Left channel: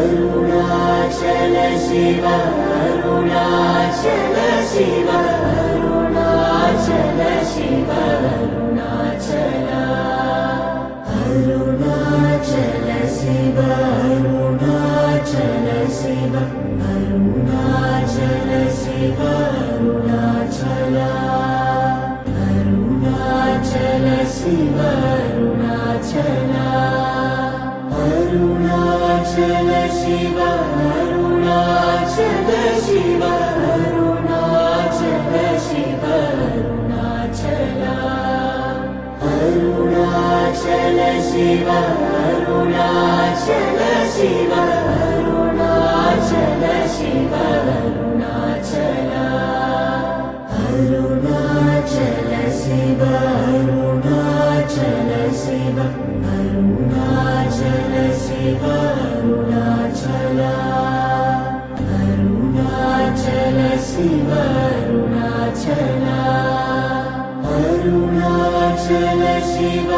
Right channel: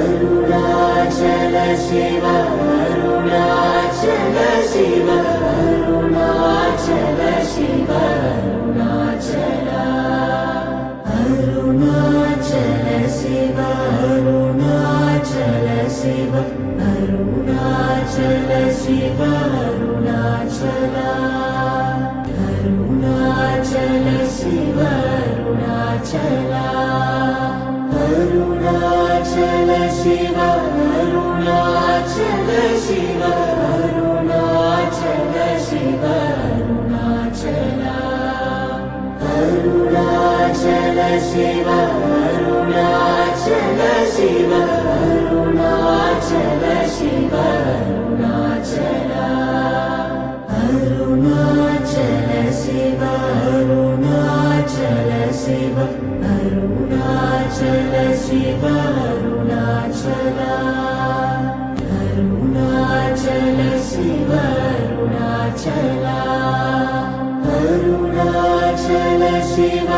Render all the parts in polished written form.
Arunachal Shiva Arunachal Shiva Arunachal Shiva Arunachal Arunachal Shiva Arunachal Shiva Arunachal Shiva Arunachal Arunachal Shiva Arunachal Arunachal Shiva Arunachal Shiva Arunachal Shiva Arunachal Arunachal Shiva Arunachal Shiva Arunachal Shiva Arunachal Arunachal Shiva Arunachal Shiva Arunachal Shiva Arunachal Arunachal Shiva Arunachal Arunachal Shiva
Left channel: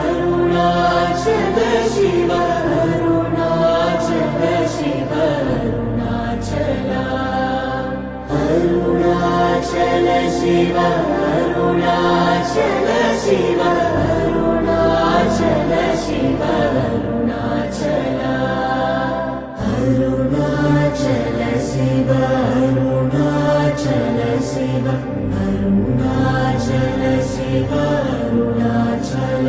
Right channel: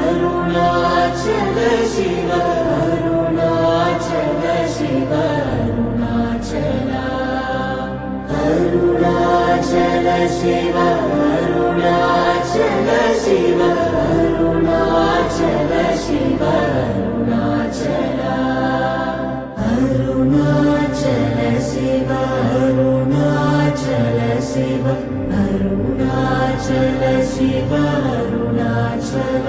Arunachal Shiva Arunachal Shiva Arunachal Arunachal Shiva Arunachal Shiva Arunachal Shiva Arunachal Arunachal Shiva Arunachal Shiva Arunachal Shiva Arunachal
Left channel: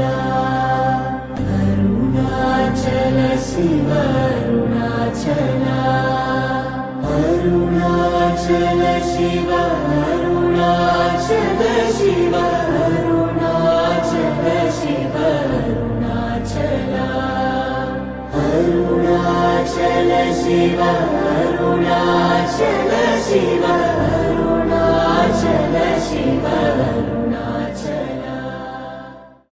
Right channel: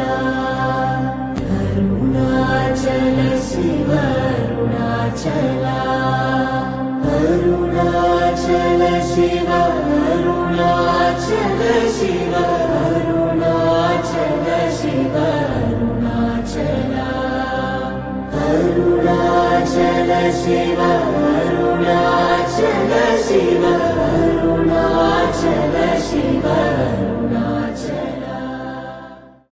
Arunachal Shiva Arunachal Arunachal Shiva Arunachal Shiva Arunachal Shiva Arunachal Arunachal Shiva Arunachal Shiva Arunachal Shiva